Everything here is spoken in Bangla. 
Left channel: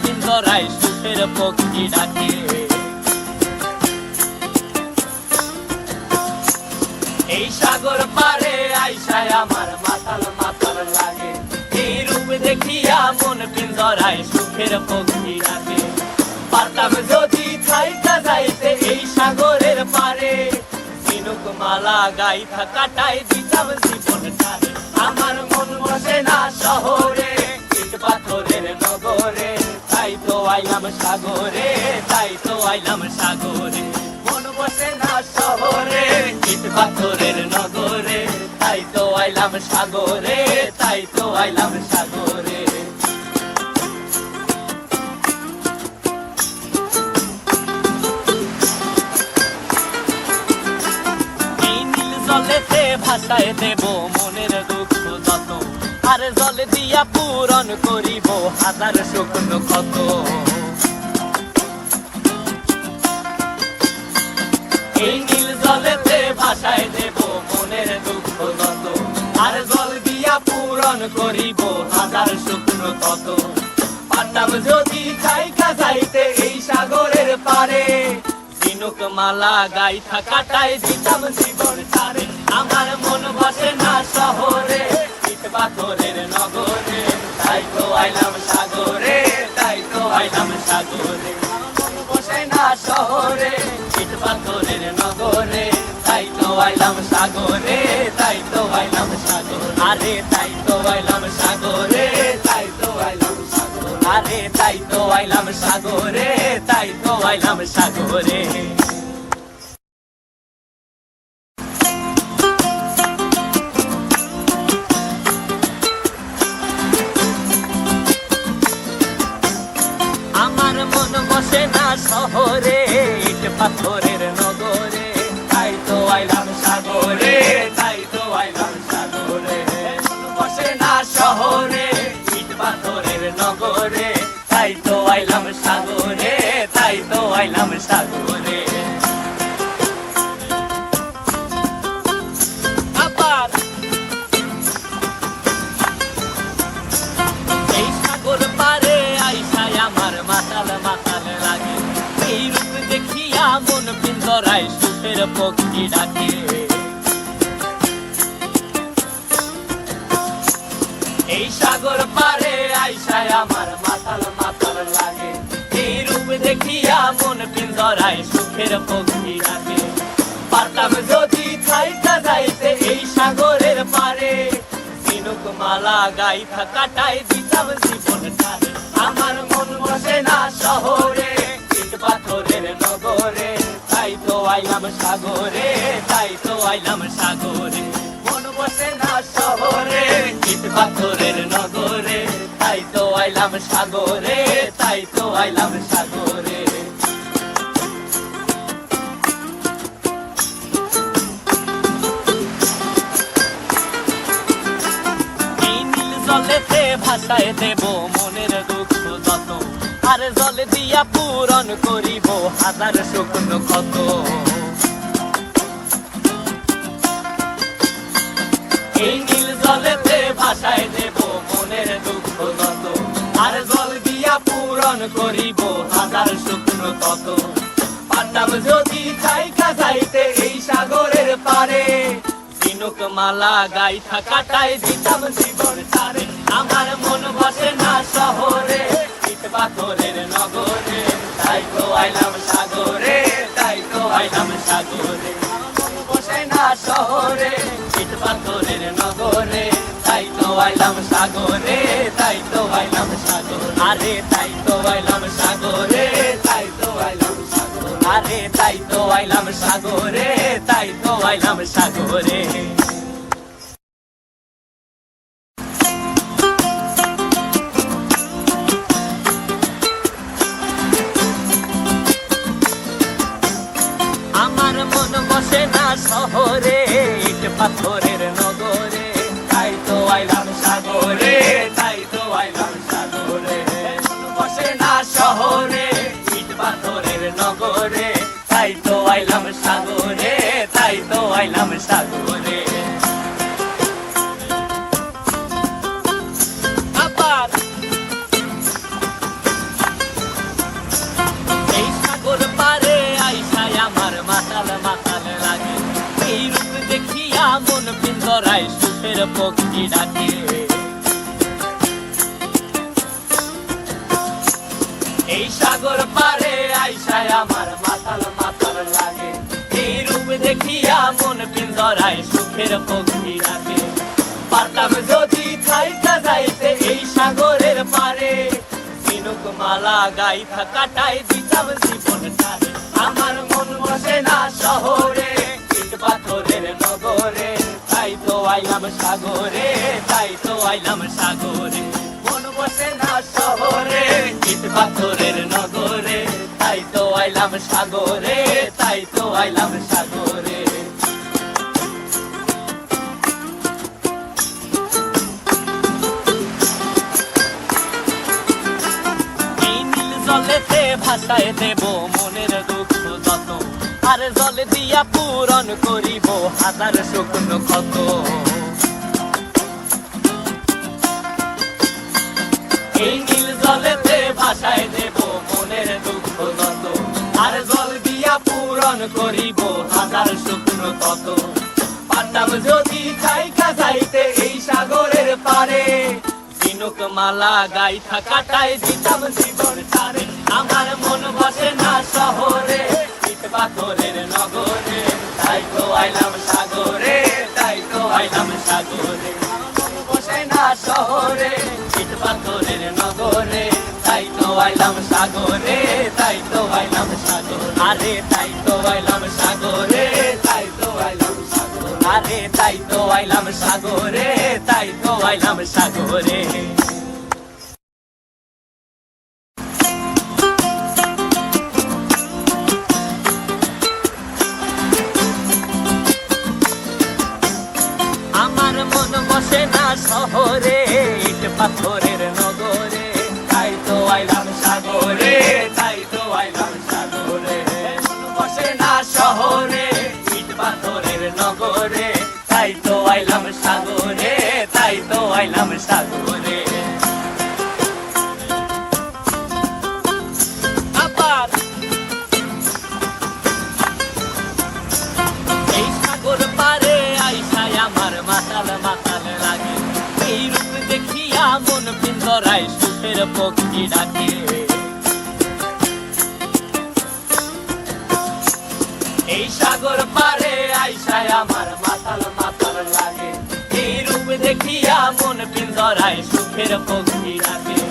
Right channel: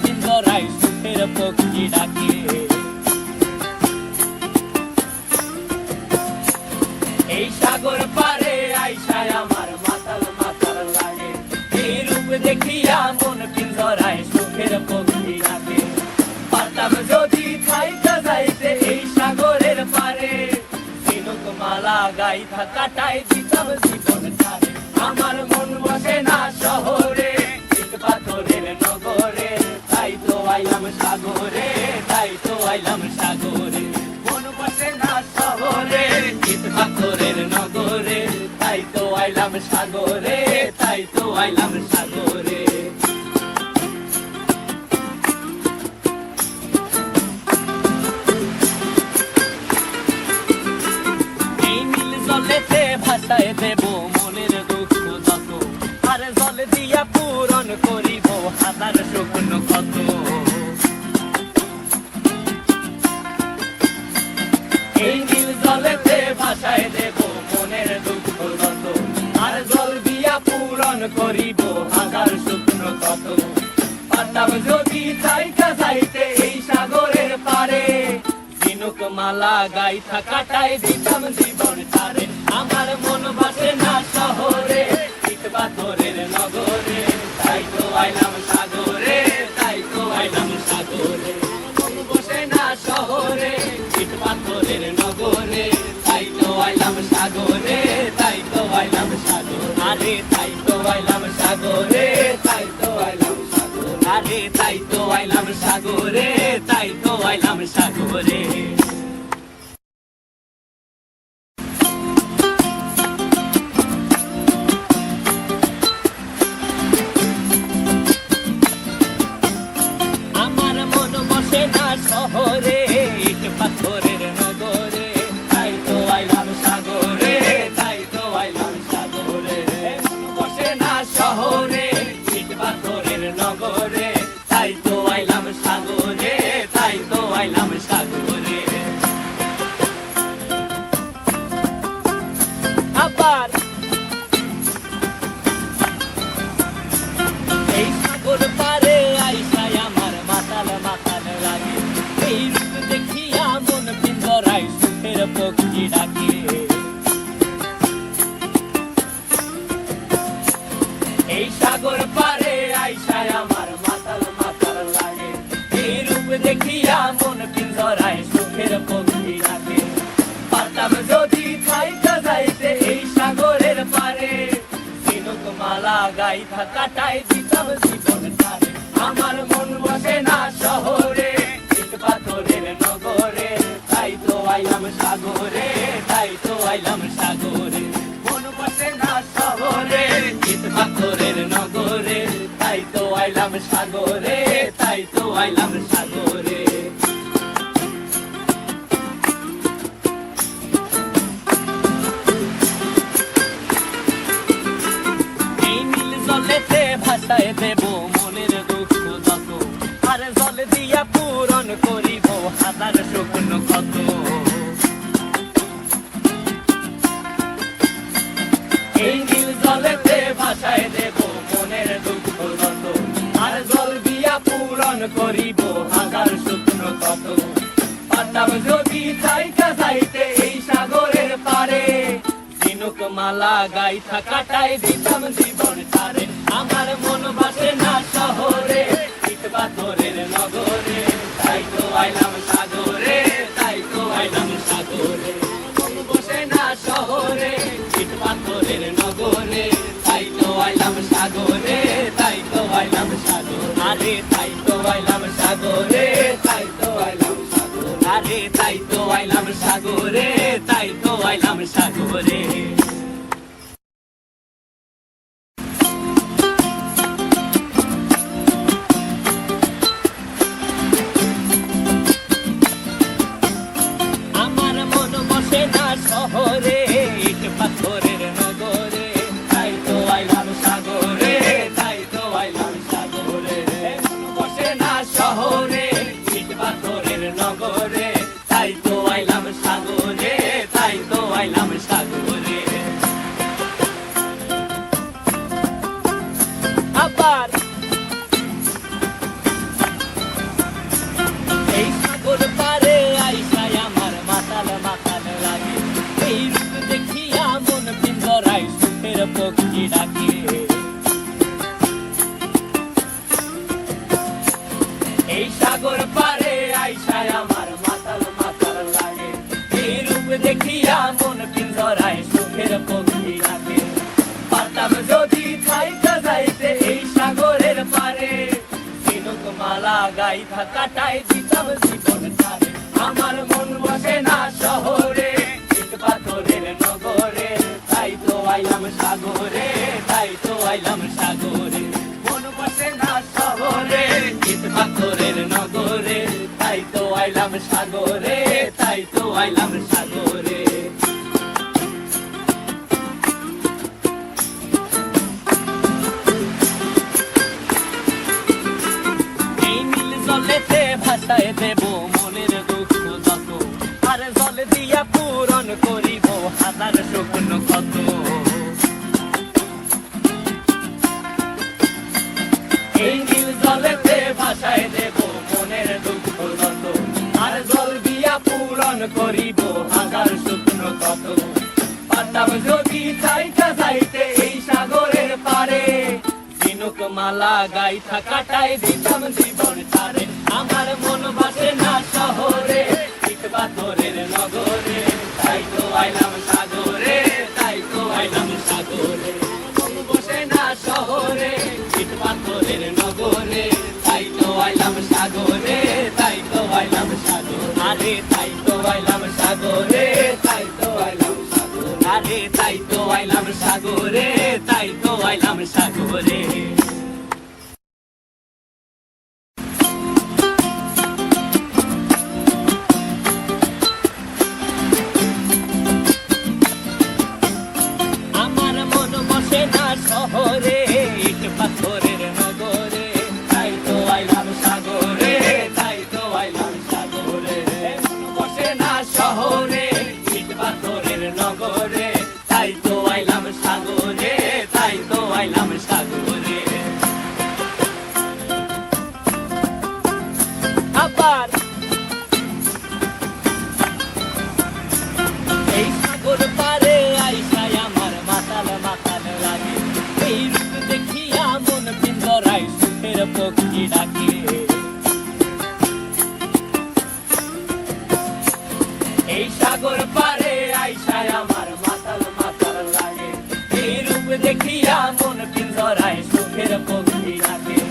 পিঞ্জরায় সুখের পক্ষী ডাকে। এই সাগর পারে আইসায় আমার মাতাল মাতাল লাগে, এই রূপ দেখিয়া মন পিঞ্জরায় সুখের পক্ষী ডাকে। পারতাম যদি থাইকা যাইতে এই সাগরের পারে, ঝিনুক মালা গাইথা কাটাই দিতাম জীবনটারে। আমার মন বসে না শহরে, ইট পাথরের নগরে, তাই তো আইলাম সাগরে, তাই তো আইলাম সাগরে। মন বসে না শহরে, ইট পাথরের নগরে, তাই তো আইলাম সাগরে, তাই তো আইলাম সাগরে। জলেতে ভাসায় দেব মনের দুঃখ যত, আর জলে দিয়া পূরণ করিব হাজার স্বপ্ন কত। এই নীল জলেতে ভাসায় দেব মনের দুঃখ যত, আর জল দিয়া পূরণ করিব হাজার স্বপ্ন কত। পারতাম যদি থাইকা যাইতে এই সাগরের পারে, ঝিনুক মালা গাইথা কাটাই দিতাম জীবনটারে। আমার মন বসে না শহরে, ইট পাথরের নগরে, তাই তো আইলাম সাগরে, তাই তো আইলাম সাগরে। মন বসে না শহরে, ইট পাথরের নগরে, তাই তো আইলাম সাগরে, তাই তো আইলাম সাগরে। আরে তাই তো আইলাম সাগরে, তাই তো আইলাম সাগরে। আরে তাই তো আইলাম সাগরে, তাই তো আইলাম সাগরে। আমার মন বসে না শহরে, ইট পাথরের নগরে, তাই তো আইলাম সাগরে, তাই তো আইলাম সাগরে। মন বসে না শহরে, ইট পাথরের নগরে, তাই তো আইলাম সাগরে, তাই তো আইলাম সাগরে। আবার এই সাগর পারে আইসায় আমার মাতাল মাতাল লাগে, এই রূপ দেখিয়া মন পিঞ্জরায় সুখের পক্ষী ডাকে। এই সাগর পারে আইসায় আমার মাতাল মাতাল লাগে, এই রূপ দেখিয়া মন পিঞ্জরায় সুখের পক্ষী ডাকে। পারতাম যদি থাইকা যাইতে এই সাগরের পারে, ঝিনুক মালা গাইথা কাটাই দিতাম জীবনটারে। আমার মন বসে না শহরে, ইট পাথরের নগরে, তাই তো আইলাম সাগরে, তাই তো আইলাম সাগরে। মন বসে না শহরে, ইট পাথরের নগরে, তাই তো আইলাম সাগরে, তাই তো আইলাম সাগরে। জলেতে ভাসায় দেব মনের দুঃখ যত, আর জল দিয়া পূরণ করিব হাজার স্বপ্ন কত। এই নীল জলেতে ভাসায় দেব মনের দুঃখ যত, আর জল দিয়া পূরণ করিব হাজার স্বপ্ন কত। পারতাম যদি থাইকা যাইতে এই সাগরের পারে, ঝিনুক মালা গাইথা কাটাই দিতাম জীবনটারে। আমার মন বসে না শহরে, ইট পাথরের নগরে, তাই তো আইলাম সাগরে, তাই তো আইলাম সাগরে। মন বসে না শহরে, ইট পাথরের নগরে, তাই তো আইলাম সাগরে, তাই তো আইলাম সাগরে। আরে তাই তো আইলাম সাগরে, তাই তো আইলাম সাগরে। আরে তাই তো আইলাম সাগরে, তাই তো আইলাম সাগরে। আমার মন বসে না শহরে, ইট পাথরের নগরে, তাই তো আইলাম সাগরে, তাই তো আইলাম সাগরে। মন বসে না শহরে, ইট পাথরের নগরে, তাই তো আইলাম সাগরে, তাই তো আইলাম সাগরে। আবার পিঞ্জরায় সুখের পক্ষী ডাকে। এই সাগর পারে আইসায় আমার মাতাল মাতাল লাগে, এই রূপ দেখিয়া মন পিঞ্জরায় সুখের পক্ষী ডাকে। পারতাম যদি থাইকা যাইতে এই সাগরের পারে, ঝিনুক মালা গাইথা কাটাই দিতাম জীবন তারে। আমার মন বসে না শহরে, ইট পাথরের নগরে, তাই তো আইলাম সাগরে, তাই তো আইলাম সাগরে। মন বসে না শহরে, ইট পাথরের নগরে, তাই তো আইলাম সাগরে, তাই তো আইলাম সাগরে। জলেতে ভাসায় দেব মনের দুঃখ যত, আর জল দিয়া পূরণ করিব হাজার স্বপ্ন কত। এই নীল জলেতে ভাসায় দেব মনের দুঃখ যত, আর জল দিয়া পূরণ করিব হাজার স্বপ্ন কত। পারতাম যদি থাইকা যাইতে এই সাগরের পারে, ঝিনুক মালা গাইথা কাটাই দিতাম জীবন তারে। আমার মন বসে না শহরে, ইট পাথরের নগরে, তাই তো আইলাম সাগরে, তাই তো আইলাম সাগরে। মন বসে না শহরে, ইট পাথরের নগরে, তাই তো আইলাম সাগরে, তাই তো আইলাম সাগরে। আরে তাই তো আইলাম সাগরে, তাই তো আইলাম সাগরে। আরে তাই তো আইলাম সাগরে, তাই তো আইলাম সাগরে। আমার মন বসে না শহরে, ইট পাথরের নগরে, তাই তো আইলাম সাগরে, তাই তো আইলাম সাগরে। মন বসে না শহরে, ইট পাথরের নগরে, তাই তো আইলাম সাগরে, তাই তো আইলাম সাগরে। আবার এই সাগর পারে আইসায় আমার মাতাল মাতাল লাগে, এই রূপ দেখিয়া মন পিঞ্জরায় সুখের পক্ষী ডাকে। এই সাগর পারে আইসায় আমার মাতাল মাতাল লাগে, এই রূপ দেখিয়া মন পিঞ্জরায় সুখের পক্ষী ডাকে।